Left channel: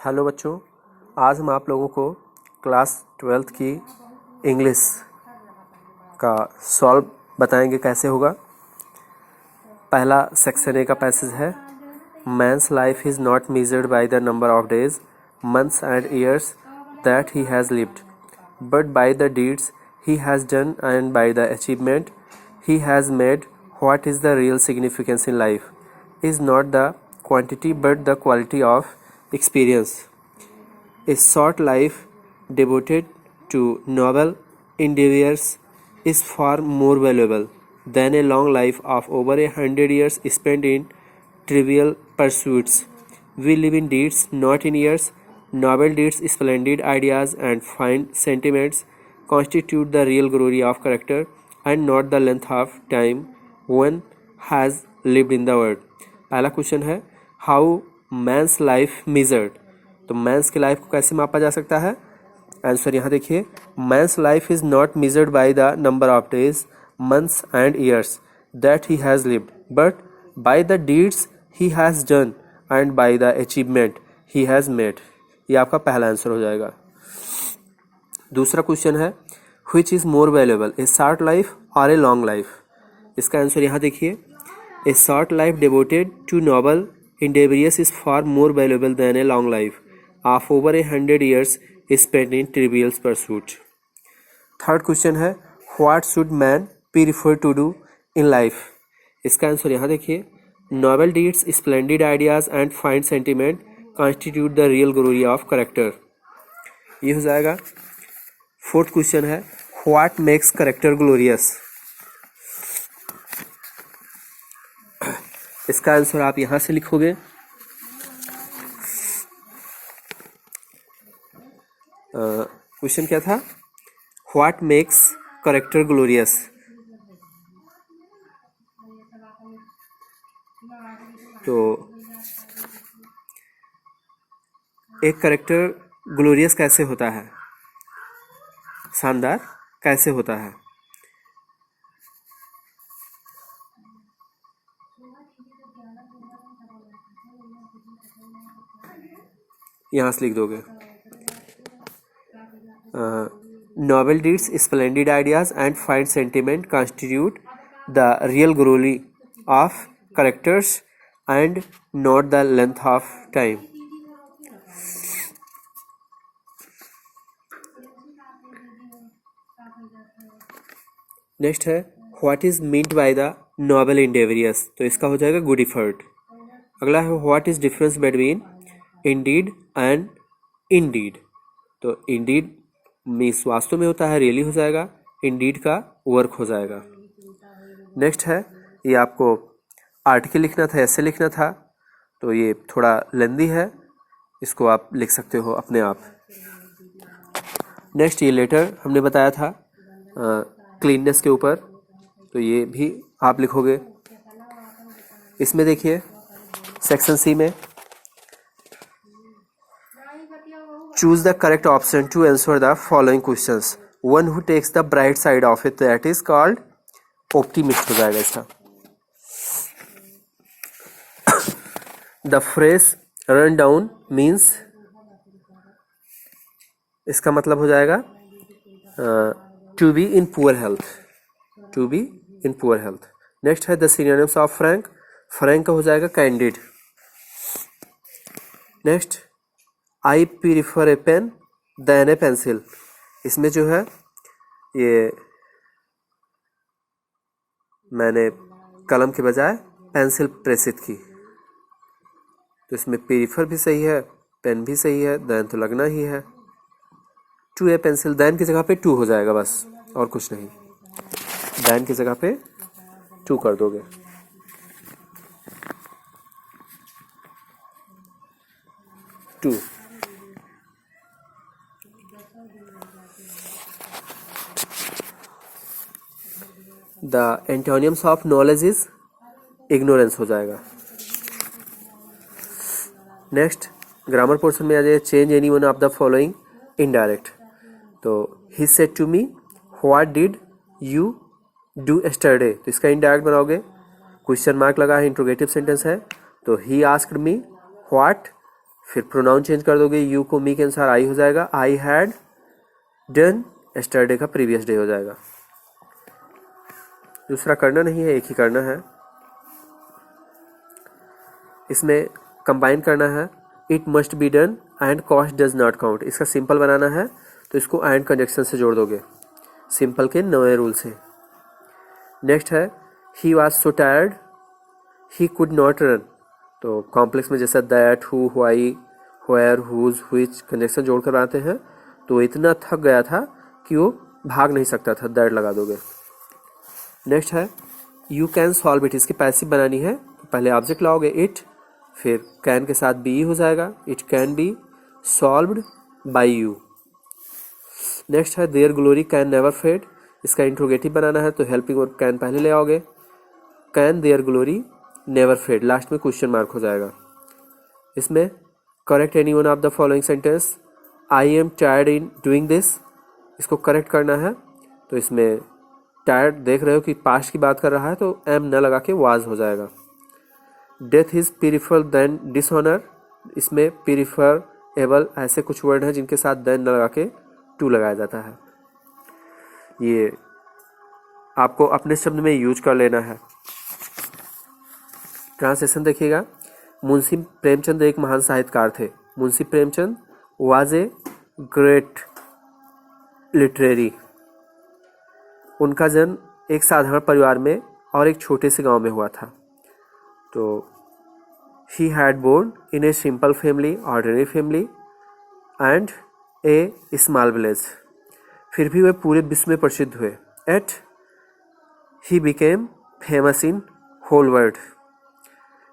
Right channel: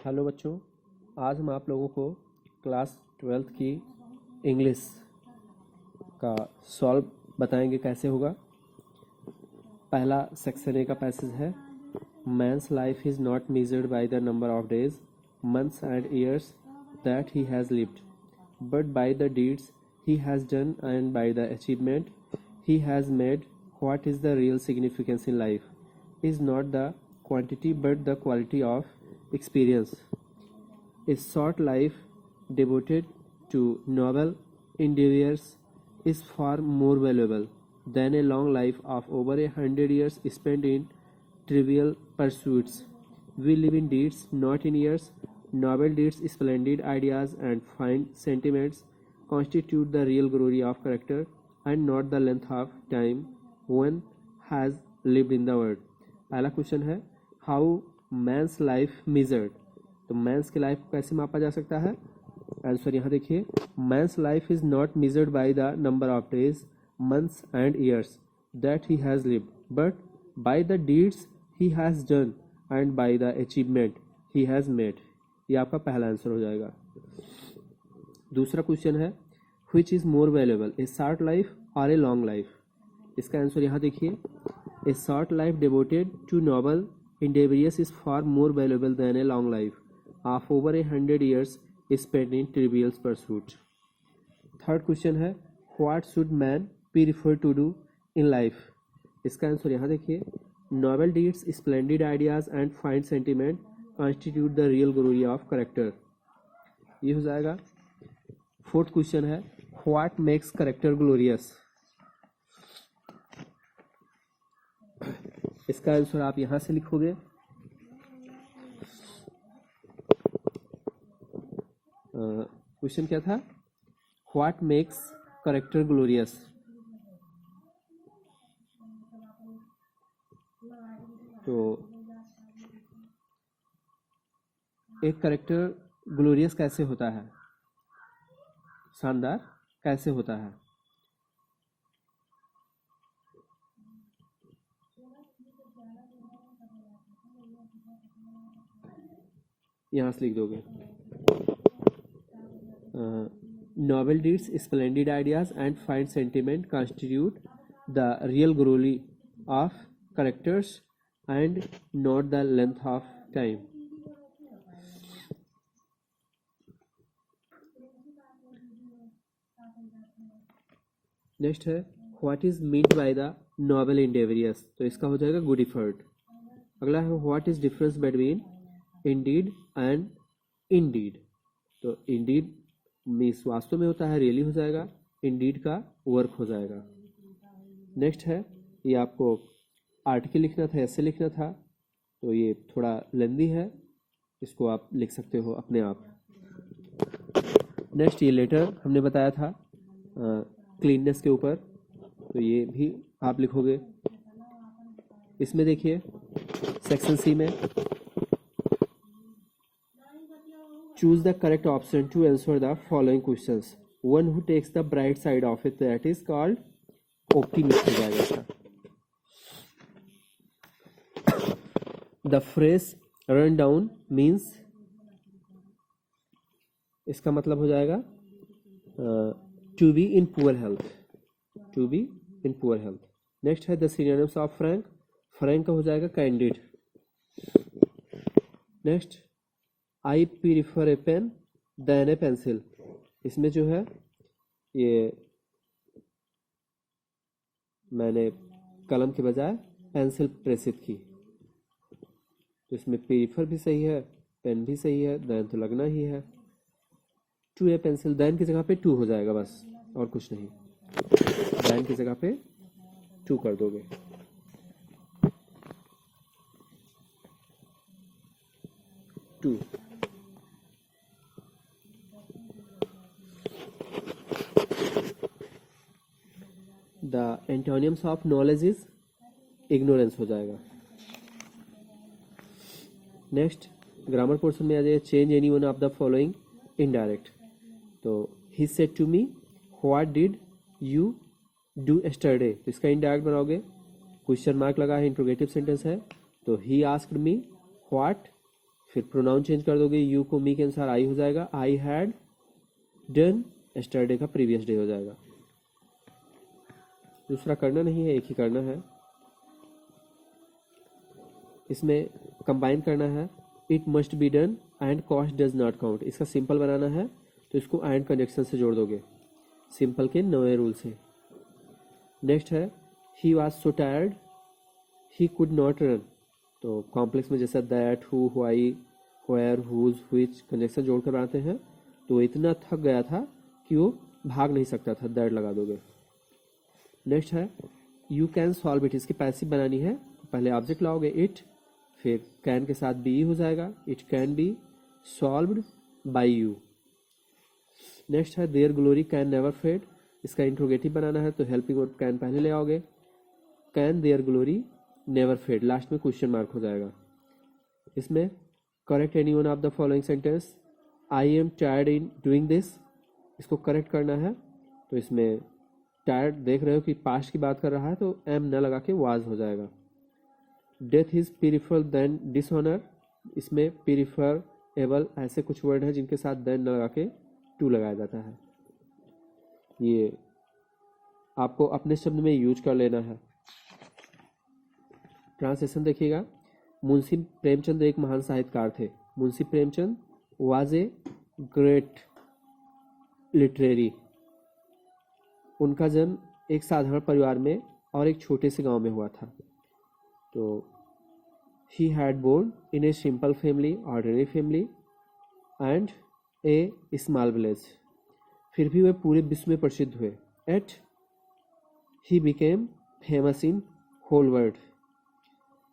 Hello बच्चों, आज हम आप लोगों को क्लास 12th की इंग्लिश का सॉल्व बताएंगे कैसे होगा। पहला सेक्शन ए का पैसेज है, men's life is not measured by the number of days, months and years that he has lived, but by the deeds he has done and by the achievement he has made. What is the real significance in life is not the quantity but the quality of experience. A short life devoted to noble endeavors is far more valuable than a long life of over 100 years spent in trivial pursuits. We live in deeds, not in years. Noble deeds, splendid ideas, and fine sentiments constitute the real glory of character and not the length of time one has lived in the world. पहला question है, how men's life measured. तो men's की life को कैसे मापा जा सकता है? आंसर यहाँ देखिए, men's life is not measured by the number of days, months and years that he has lived, but by the deeds he has done and by the achievement he has made. ये आपका पहला answer हो जाएगा। दूसरा question है, which is more valuable, A short life और a long life. इसका answer यहाँ देखिए, a short life devoted to noble endeavors is far more valuable than a long life of over 100 years spent in trivial pursuits. Third question है, what should man prefer to do in life. इसका answer यहाँ देखिए, noble deeds, splendid ideas and fine sentiment constitute the real glory of character. ये हो जाएगा। Fourth question है, what makes character glorious. इसका answer आप यहाँ से लिखोगे, क्वेश्चन क्या था, व्हाट मेक्स करेक्टर ग्लोरियस। तो एक करेक्टर ग्लोरियस कैसे होता है, शानदार कैसे होता है। यहाँ से लिख दोगे, noble deeds, splendid ideas and fine sentiment constitute the real glory of characters and not the length of time. Next है, what is meant by the noble endeavours. तो इसका हो जाएगा गुड एफर्ट। अगला है, what is difference between indeed and in deed. तो indeed means वास्तव में होता है, रियली हो जाएगा, इंडीड का वर्क हो जाएगा। नेक्स्ट है, ये आपको आर्टिकल लिखना था, ऐसे लिखना था, तो ये थोड़ा लेंदी है, इसको आप लिख सकते हो अपने आप। नेक्स्ट, ये लेटर हमने बताया था क्लीननेस के ऊपर, तो ये भी आप लिखोगे। इसमें देखिए सेक्शन सी में, choose the correct option to answer the following questions. One who takes the bright side of it, that is called optimist हो जाएगा इसका। The phrase run down means, इसका मतलब हो जाएगा to be in poor health, to be in poor health. Next है, the synonyms of frank, frank का हो जाएगा candid. Next, I prefer a pen than a pencil. इसमें जो है, ये मैंने कलम के बजाय पेंसिल प्रेसित की, तो इसमें प्रीफर भी सही है, पेन भी सही है, देन तो लगना ही है। टू ए पेंसिल, देन की जगह पे टू हो जाएगा बस, और कुछ नहीं, देन की जगह पे टू कर दोगे। Two. The antonyms of knowledge is ignorance हो जाएगा। नेक्स्ट, ग्रामर पोर्शन में आ जाए, change any one of the following indirect. तो he said to me, what did you do yesterday. तो इसका इनडायरेक्ट बनाओगे, क्वेश्चन मार्क लगा है, इंट्रोगेटिव सेंटेंस है, तो ही आस्क्ड मी व्हाट फिर प्रोनाउन चेंज कर दोगे, यू को मी के अनुसार आई हो जाएगा, आई हैड डन यस्टरडे का प्रीवियस डे हो जाएगा। दूसरा करना नहीं है, एक ही करना है। इसमें कंबाइन करना है, it must be done and cost does not count. इसका सिंपल बनाना है तो इसको एंड कंजक्शन से जोड़ दोगे, सिंपल के नए रूल से। नेक्स्ट है, he was so tired he could not run. तो कॉम्प्लेक्स में जैसा that, who, why, where, whose, which conjunction जोड़कर बनाते हैं, तो वो इतना थक गया था कि वो भाग नहीं सकता था, दैट लगा दोगे। नेक्स्ट है, यू कैन सॉल्व इट। इसकी पैसिव बनानी है, तो पहले ऑब्जेक्ट लाओगे इट, फिर कैन के साथ बी हो जाएगा, it can be solved by you. Next है, their glory can never fade. इसका इंट्रोगेटिव बनाना है, तो हेल्पिंग वर्ब कैन पहले ले आओगे, can their glory never fade, last में क्वेश्चन मार्क हो जाएगा। इसमें correct any one of the following sentence, I am tired in doing this, इसको करेक्ट करना है। तो इसमें टायर्ड देख रहे हो कि पास्ट की बात कर रहा है, तो एम न लगा के वाज हो जाएगा। Death is prefer than dishonour, इसमें प्रीफर एबल ऐसे कुछ वर्ड हैं जिनके साथ देन न लगा के टू लगाया जाता है। ये आपको अपने शब्द में यूज कर लेना है। ट्रांसलेशन देखिएगा, मुंशी प्रेमचंद एक महान साहित्यकार थे। Munshi Premchand was a great literary. उनका जन्म एक साधारण परिवार में और एक छोटे से गांव में हुआ था। तो he had born in a simple family, ordinary family and a small village. फिर भी वे पूरे विश्व में प्रसिद्ध हुए। Yet he became famous in whole world.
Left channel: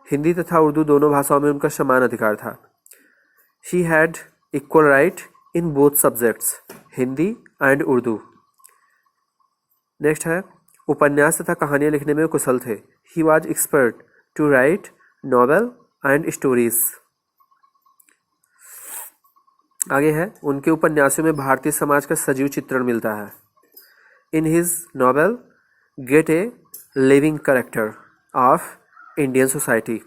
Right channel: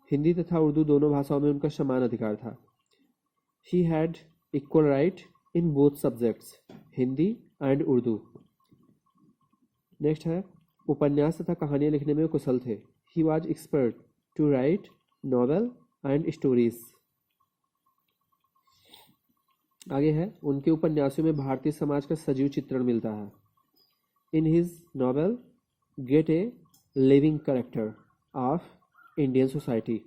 Hindi तथा उर्दू दोनों भाषाओं में उनका समान अधिकार था। He had equal right in both subjects, Hindi and Urdu. Next है, उपन्यास तथा कहानियाँ लिखने में कुशल थे। He was expert to write novel and stories. आगे है, उनके उपन्यासों में भारतीय समाज का सजीव चित्रण मिलता है। In his novel gate a living character of Indian society.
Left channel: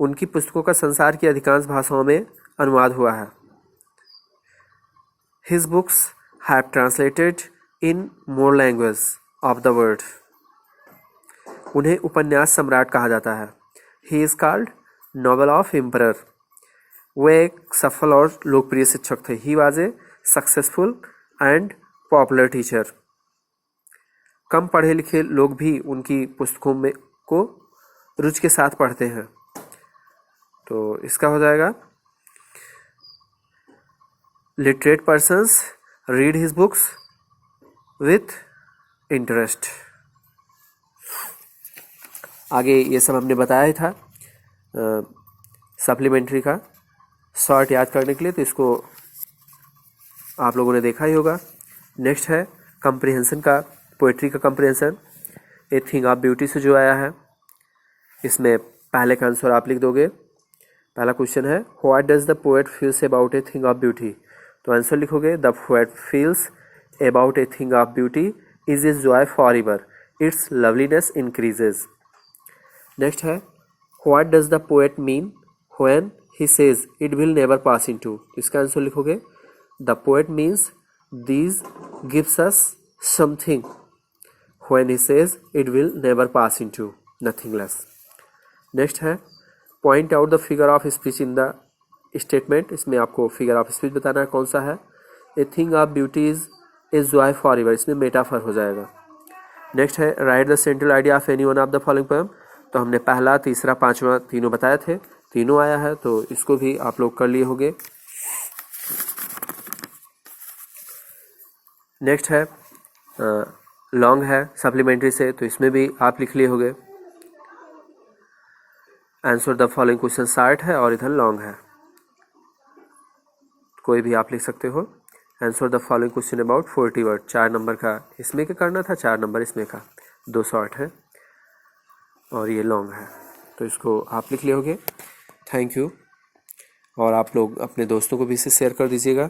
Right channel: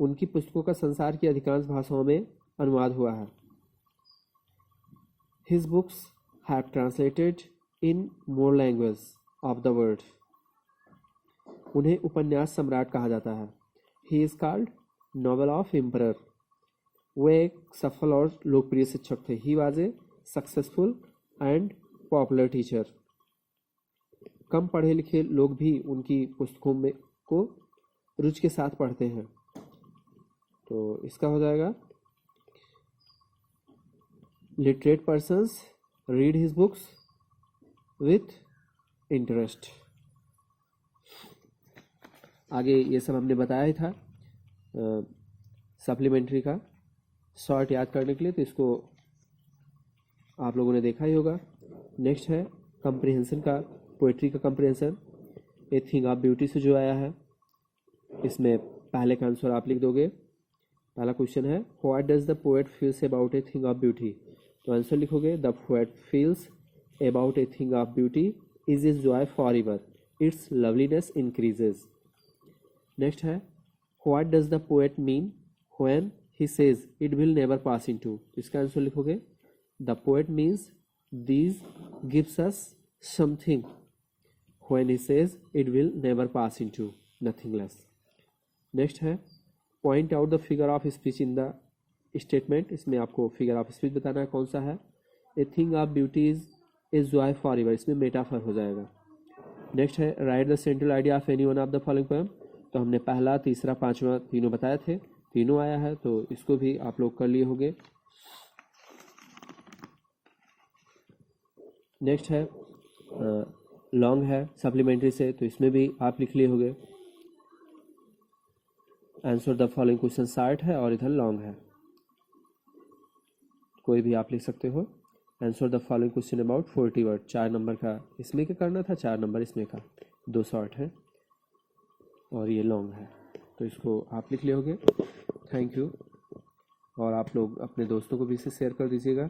उनकी पुस्तकों का संसार की अधिकांश भाषाओं में अनुवाद हुआ है। His books have translated in more language of the world. उन्हें उपन्यास सम्राट कहा जाता है। He is called novel of emperor. वे एक सफल और लोकप्रिय शिक्षक थे। He was a successful and popular teacher. कम पढ़े लिखे लोग भी उनकी पुस्तकों में को रुचि के साथ पढ़ते हैं। तो इसका हो जाएगा, literate persons read his books with interest. आगे ये सब हमने बताया ही था सप्लीमेंट्री का शॉर्ट याद करने के लिए, तो इसको आप लोगों ने देखा ही होगा। नेक्स्ट है कंप्रिहेंशन का, पोएट्री का comprehension. A thing of beauty से जो आया है, इसमें पहले का आंसर आप लिख दोगे। पहला क्वेश्चन है, what does the poet feels about a thing of beauty. तो आंसर लिखोगे, the poet feels about a thing of beauty is a joy for ever, its loveliness increases. Next है, what does the poet mean when he says it will never pass into. इसका answer लिखोगे, the poet means these gives us something when he says it will never pass into, nothing less. Next है, point out the figure of speech in the statement. इसमें आपको figure of speech बताना है कौन सा है। ए thing of beauty is a joy for ever, इसमें metaphor हो जाएगा। नेक्स्ट है, right the central idea of any one of the following poem. तो हमने पहला, तीसरा, पांचवा तीनों बताए थे, तीनों आया है, तो इसको भी आप लोग कर लिए होंगे। नेक्स्ट है, लॉन्ग है सप्लीमेंट्री से, तो इसमें भी आप लिख लिए होंगे। Answer the following question short है और इधर लॉन्ग है, कोई भी आप लिख सकते हो। Answer the following question about 40 word. 4 number का इसमें क्या करना था, 4 नंबर इसमें का, 2 शॉर्ट है और ये लॉन्ग है, तो इसको आप लिख लिए होगे। थैंक यू, और आप लोग अपने दोस्तों को भी इसे शेयर कर दीजिएगा।